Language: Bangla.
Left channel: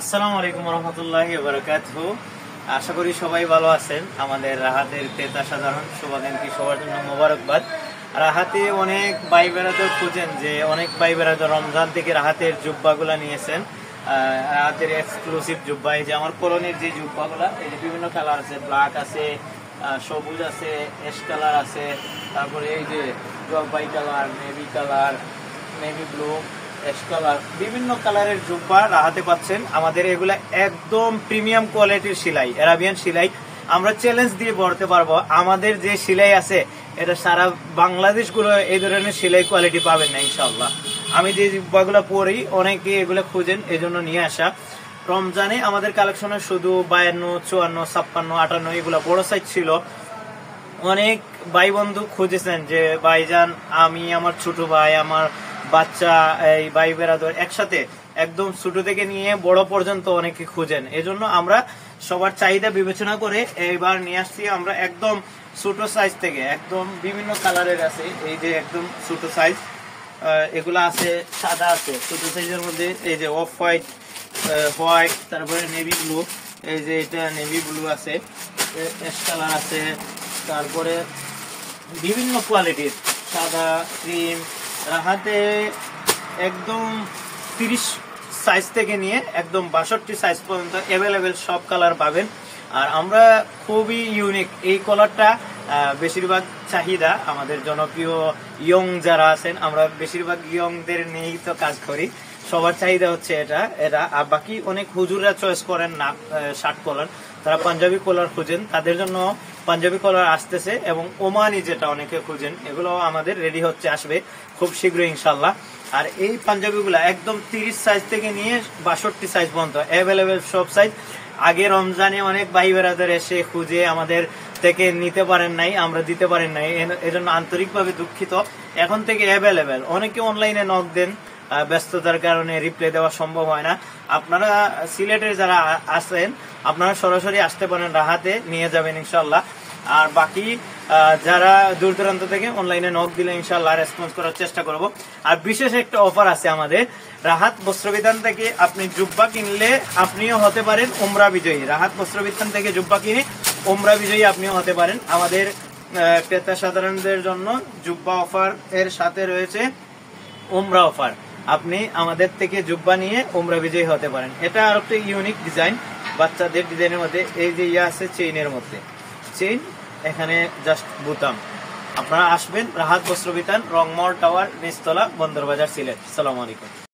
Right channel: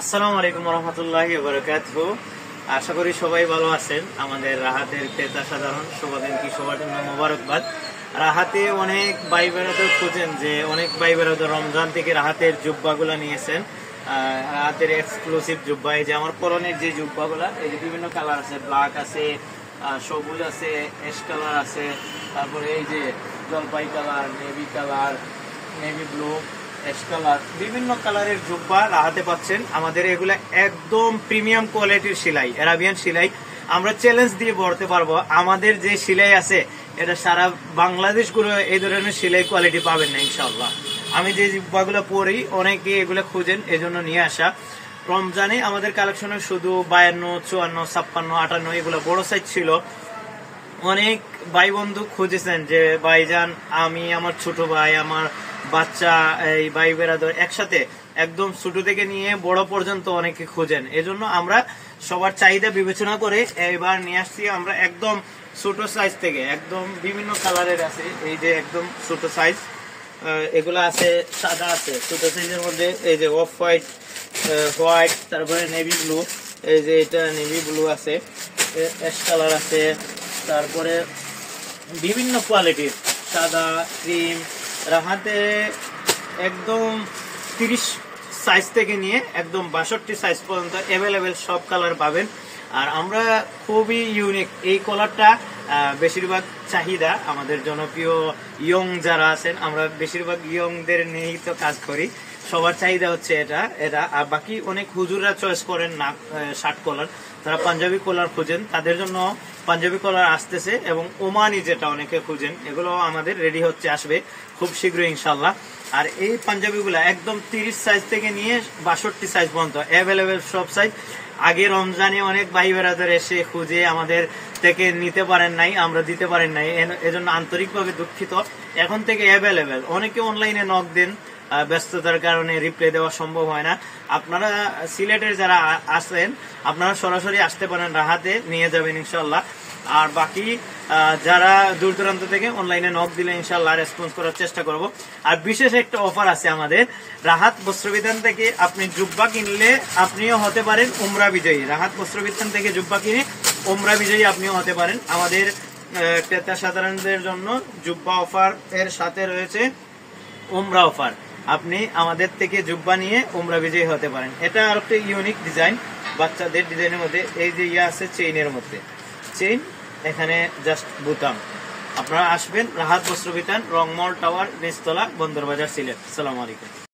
আসসালামু আলাইকুম রহমতুল্লাহি ওয়া বারাকাতুহু। আশা করি সবাই ভালো আছেন। আমাদের রাহাতের ক্রেতা সাধারণ শুভদিন কি সবার জন্য মোবারকবাদ। রাহাতে অনেক ভাই বেড়াদের খুঁজেন যে অনেক ভাই বেড়াদের রমজান থেকে রাহাতের জুব্বাগুলা নিয়েছেন। রাহাতের এক্সক্লুসিভ জুব্বা, এই যে আমার কলোনির যে জুব্বাগুলা, এই যে বিভিন্ন কালার আছে, ব্ল্যাক আছে, সবুজ আছে, অ্যাশ কালার আছে, তারপরে এই যে জলপাই colour, navy colour, navy blue, ash colour, বিভিন্ন কালারের জুব্বা রাহাতে পাচ্ছেন। আমাদের এগুলা একদম প্রিমিয়াম কোয়ালিটির সেলাই, আরাবিয়ান সেলাই। আমরা চ্যালেঞ্জ দিয়ে বলতে পারবো আমাদের যে সেলাই আছে এটা সারা বাংলাদেশ গুলো এই ধরনের সেলাই কোয়ালিটি পাবেন না ইনশাআল্লাহ। আমি যে জুব্বাগুলো পরি অনেকে এগুলো খুঁজেন, এই জন্য নিয়ে আসা। রমজানে আমাদের কালেকশনে শুধু 52, 54, 56, 58 এগুলো বড় সাইজ ছিল। অনেক ভাই বন্ধু খুঁজেছেন যে ভাইজান আমি আমার ছোট ভাই, আমার বাচ্চা, এই ভাই বেড়াদর একসাথে একদম ছোট থেকে নিয়ে বড় পর্যন্ত অনেকে খুঁজেন। এজন্য আমরা সবার চাহিদা বিবেচনা করে এবার নিয়ে আসছি। আমরা একদম ছোট সাইজ থেকে একদম বিভিন্ন কালারের আছে, এই যে একদম ছোট সাইজ এগুলা আছে, সাদা আছে ছোট সাইজের মধ্যে, এই যে অফ হোয়াইট, হোয়াইট, তারপরে নেভি ব্লু, এই যে এটা নেভি ব্লু আছে, অ্যাশ কালার আছে, তারপরে বিভিন্ন কোয়ালিটির সাদা, ক্রিম। রাহাতে একদম 30 সাইজ থেকে নিয়ে একদম 62 সাইজ পর্যন্ত অ্যাভেলেবেল সব কালার পাবেন। আর আমরা খুবই ইউনিক, এই কলারটা বেশিরভাগ চাহিদা আমাদের জনপ্রিয় ইয়ং যারা আছেন, আমরা বেশিরভাগ ইয়ংদের নিয়েই তো কাজ করি, সবার চাহিদা হচ্ছে এটা। আর বাকি অনেক হুজুররা চয়েস করেন না শার্ট কলার, তারা পাঞ্জাবি কলার খুঁজেন, তাদের জন্য পাঞ্জাবি কলার আসতেছে, এবং ওমানি যেটা অনেকে খুঁজেন, এগুলো আমাদের রেডি হচ্ছে, আসবে খুব শীঘ্রই ইনশাল্লাহ। আর এই পাঞ্জাবিগুলা একদম 30 সাইজ থেকে নিয়ে 62 সাইজ পর্যন্ত অ্যাভেলেবেল সব সাইজ। আগে রমজানে অনেক ভাই বেড়াদের এসে খুঁজে আমাদের থেকে নিতে পারেন নাই, আমরা দিতে পারেন নাই, এজন্য আন্তরিকভাবে দুঃখিত। এখন থেকে অ্যাভেলেবেল। অনেকে অনলাইনে নক দেন, ব্যস্ততার কারণে রিপ্লাই দেওয়া সম্ভব হয় না। আপনারা সিলেটের যারা আসেন আপনারা সরাসরি আসতে পারেন, রাহাতে নিয়ে যাবেন ইনশাল্লাহ। আর বাকি যারা দূর দূরান্ত থেকে অনলাইনে নক দিলে ইনশাল্লাহ রেসপন্স করার চেষ্টা করব। আর বিশেষ একটা অফার আছে আমাদের রাহাত বস্ত্রবিতান থেকে। আপনি জুব্বা কিনলে আপনিও হতে পারেন উমরা বিজয়ী। রাহাত বস্ত্রবিতান থেকে জুব্বা কিনে উমরা বিজয়ী আপনিও হতে পারেন। আমাদের ক্রেতা সাধারণদের জন্য জুব্বা অফার এর সাথে রয়েছে উমরা অফার। আপনি আমাদের থেকে জুব্বা নিয়ে উমরা বিজয়ী হতে পারেন। এটা আর একটা ইউনিক ডিজাইন, বাচ্চাদের ডিজাইনের মধ্যে। এই যে ইয়ে আছে চেইনের মধ্যে, চেইন, এখানে জাস্ট বুতাম। আপনারা আসবেন রাহাত বস্ত্রবিতান, রংমহল টাওয়ার, নিচতলা, বন্দরবাজার, সিলেট। আসসালামু আলাইকুম।